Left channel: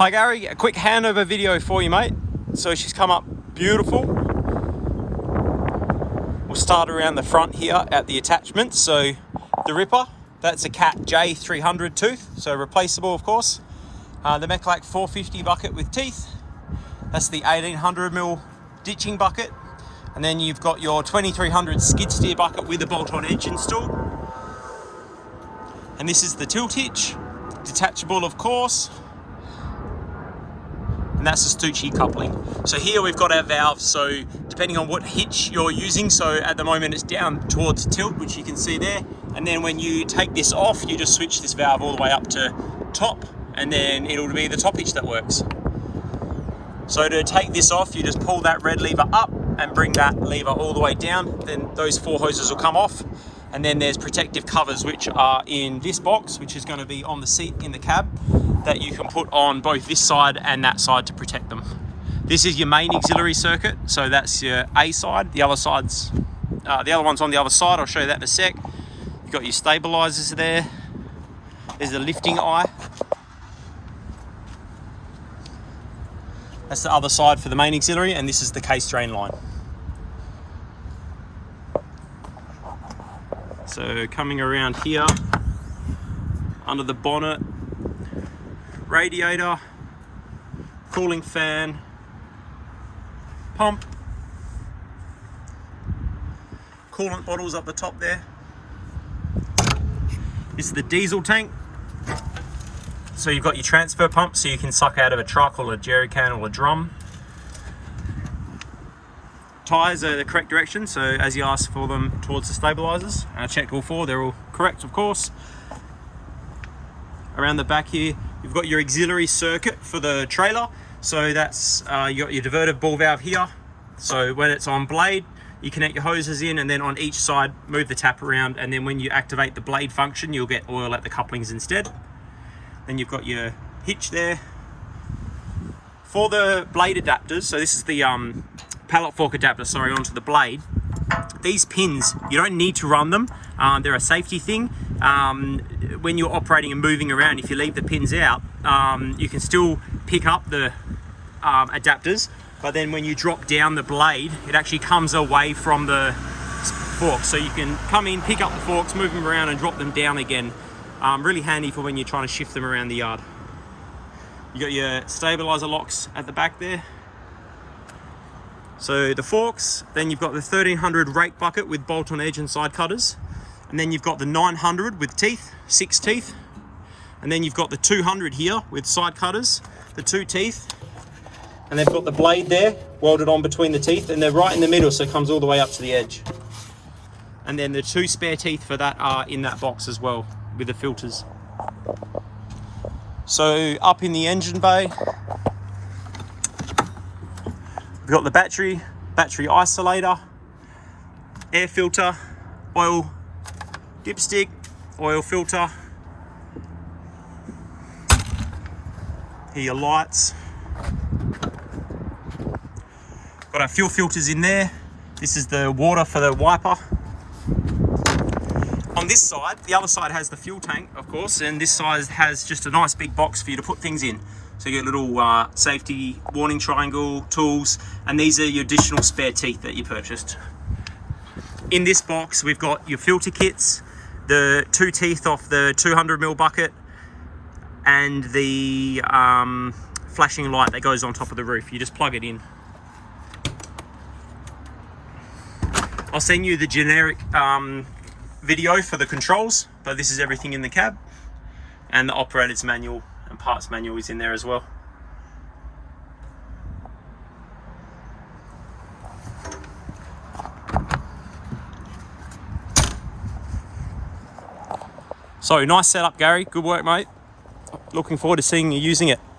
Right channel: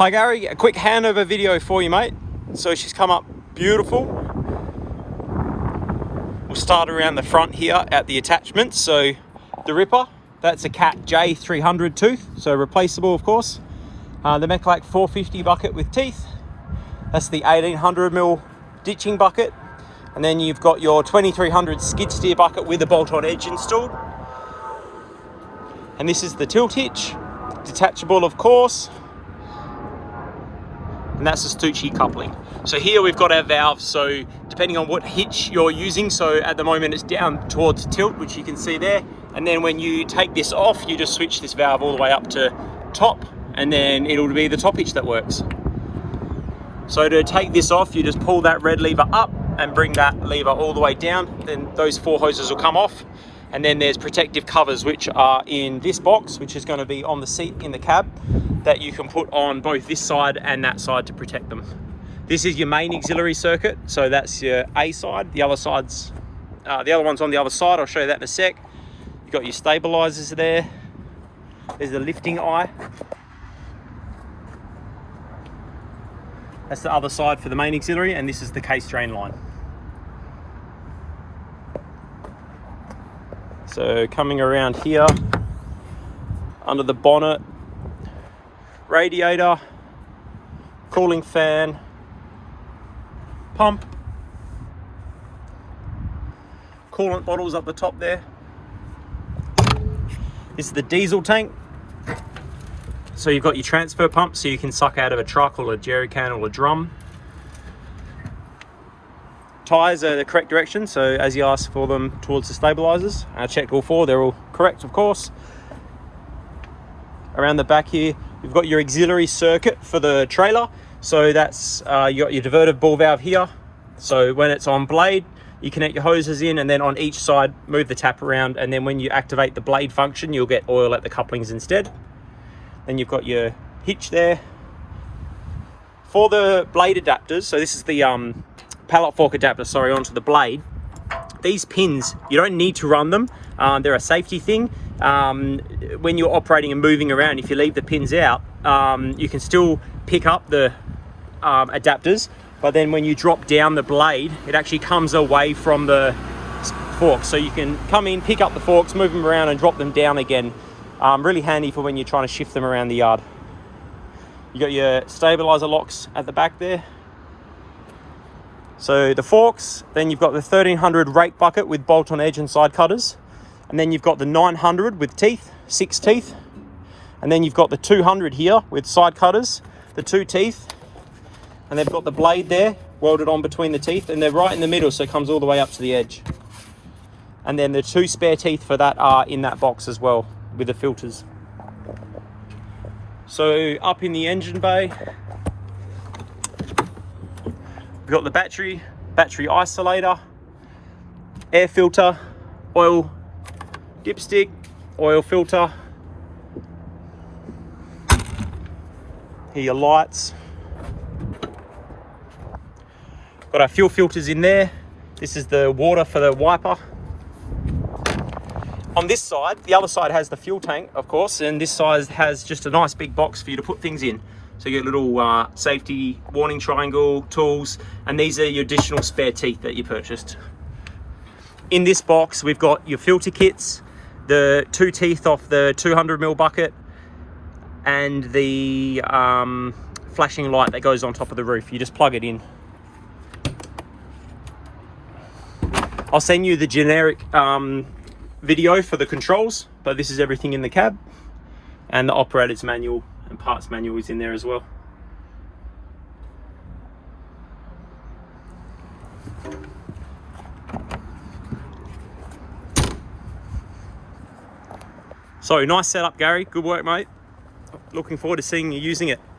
Hi Gary, a quick handover video for you, mate. So she's come up beautiful. We'll start around the front here at the attachments. So the ripper, that's a Cat J300 tooth, so replaceable of course. The Mechlac 450 bucket with teeth. That's the 1800mm ditching bucket. And then you've got your 2300 skid steer bucket with a bolt-on edge installed. And this is the tilt hitch, detachable of course. And that's the Stucci coupling. So here we've got our valves, so depending on what hitch you're using, so at the moment it's down towards tilt, which you can see there. And then when you take this off, you just switch this valve all the way up to top, and then it'll be the top hitch that works. So to take this off, you just pull that red lever up and bring that lever all the way down. Then those four hoses will come off. And then there's protective covers, which are in this box, which is going to be on the seat in the cab, that you can put on both this side and that side to protect them. This is your main auxiliary circuit. So that's your A side. The other side's, the other one's on the other side. I'll show you that in a sec. You've got your stabilizers there. There's the lifting eye. That's the other side for the main auxiliary, and this is the case drain line. So coming around here, under the bonnet, radiator, cooling fan, pump, coolant bottles up the top there. This is the diesel tank. So you've got your transfer pump, so you can suck out of a truck or a jerry can or a drum. Tyres are the correct direction, so as you ask for them towards the stabilizers. I checked all four, they're all correct of course. Around the back here, you've got your auxiliary circuit for the trailer. So that's, you got your diverter ball valve here. So when it's on blade, you connect your hoses in, and then on each side, move the tap around. And then when you activate the blade function, you'll get oil at the couplings instead. Then you've got your hitch there. For the blade adapters, so this is the pallet fork adapter, sorry, onto the blade. These pins, you don't need to run them. They're a safety thing. When you're operating and moving around, if you leave the pins out, you can still pick up the adapters, but then when you drop down the blade, it actually comes away from the fork. So you can come in, pick up the forks, move them around and drop them down again. Really handy for when you're trying to shift them around the yard. You got your stabilizer locks at the back there. So the forks, then you've got the 1300 rake bucket with bolt-on edge and side cutters. And then you've got the 900 with teeth, 6 teeth. And then you've got the 200 here with side cutters, the 2 teeth. And they've got the blade there, welded on between the teeth, and they're right in the middle, so it comes all the way up to the edge. And then the 2 spare teeth for that are in that box as well, with the filters. So up in the engine bay, we've got the battery isolator, air filter, oil dipstick, oil filter. Here are your lights. Got our fuel filters in there. This is the water for the wiper. On this side, the other side has the fuel tank, of course, and this side has just a nice big box for you to put things in. So you get a little safety warning triangle, tools, and these are your additional spare teeth that you purchased. In this box, we've got your filter kits, the 2 teeth off the 200mm bucket, and the flashing light that goes on top of the roof. You just plug it in. I'll send you the generic video for the controls, but this is everything in the cab, and the operator's manual and parts manual is in there as well. So nice setup, Gary. Good work, mate. Looking forward to seeing you using it.